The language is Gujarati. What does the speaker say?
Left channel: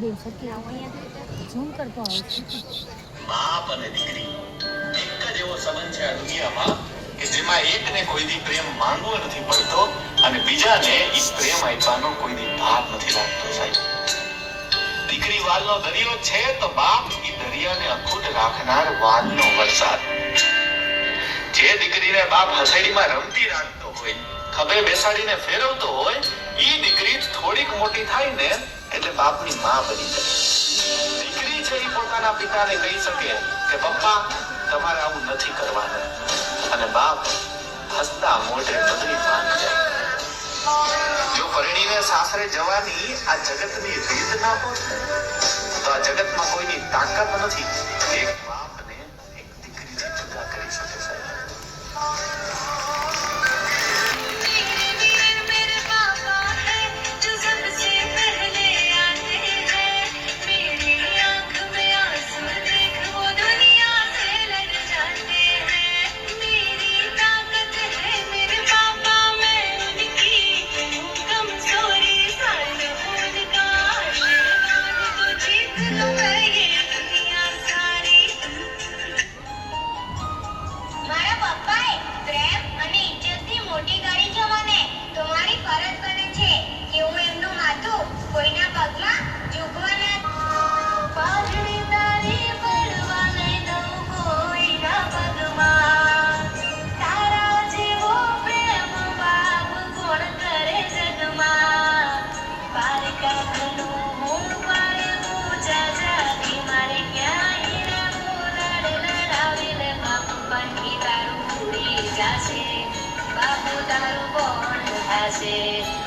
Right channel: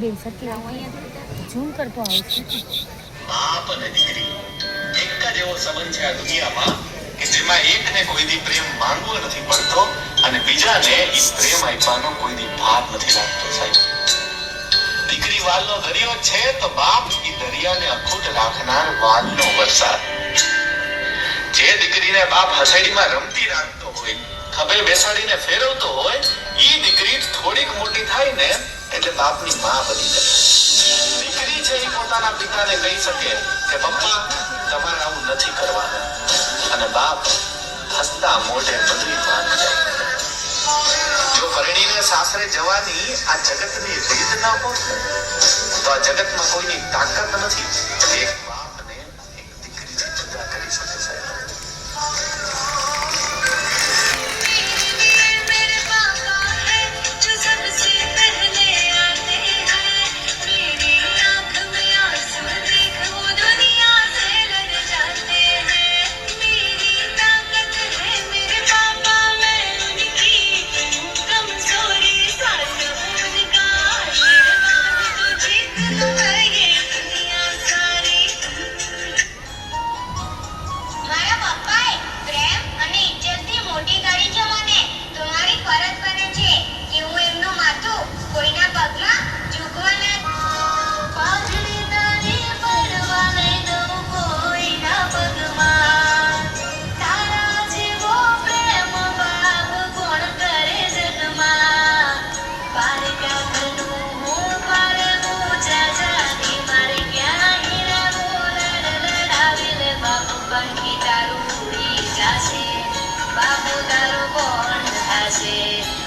બેન સરખી ઝૂમ કરતો આવે છે. બાપ અને દીકરી એક જ એવો સંબંધ છે આ દુનિયામાં કે જેમાં એકને કોઈ દી પ્રેમ માંગવો નથી પડતો અને બીજાને ઈ પ્રેમ આપવાનો કોઈ દી ભાર નથી લાગતો સાહેબ. દીકરી વાલનો દરિયો છે તો બાપ ઈ દરિયાને અખૂટ રાખનાર વાલનો વરસાદ. જે દીકરીને બાપ હસેડીમાં રમતી રાખતો હોય, ખભે બેસાડીને ફેરવતો હોય, ઈ દીકરી થોડીક મોટી થાય ને એટલે બાપની માં બની જાય. દીકરી છે ઈ પોતાના પિતાને કહી શકે કે પપ્પા તમારે આવું નથી કરવાનું, અને બાપ હસતા મોઢે બધું માની જાય. જો પરણીને સાસરે જવાની આ જગતની રીત ન હોય તો આ જગતમાં કોઈની તાકાત નથી એક બાપને એક દીકરીથી જુદા કરી શકે સાહેબ. બાપુ તારું કોણ થશે?